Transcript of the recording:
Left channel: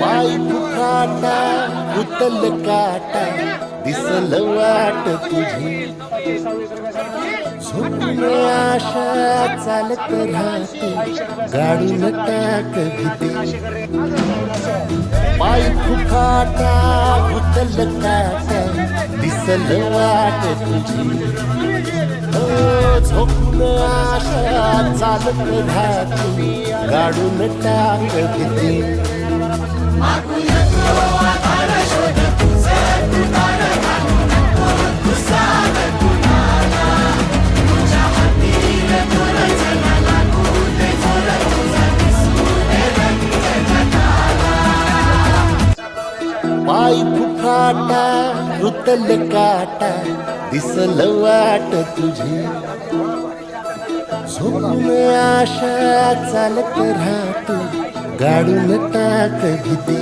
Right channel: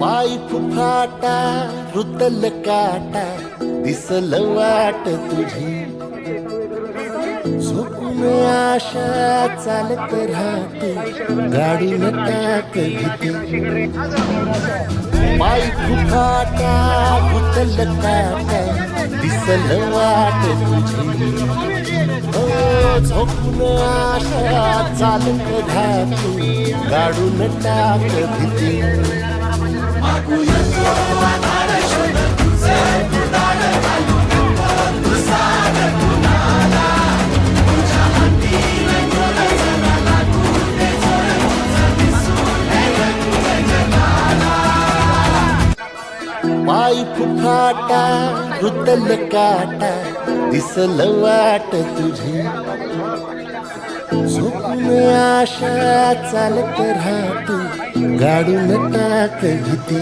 पाय फुफाटा रुतल काटा दिसल वाट तुझी झोपून आशा चालत राहते गाडून टाक भीती पाय फुफाटा रुतल काटा दिसल वाट तुझी झोपून आशा चालत राहते गाडून टाक भीती पाय फुफाटा रुतल काटा दिसल वाट तुझी झोपून आशा चालत राहतो गाडून टाक भीती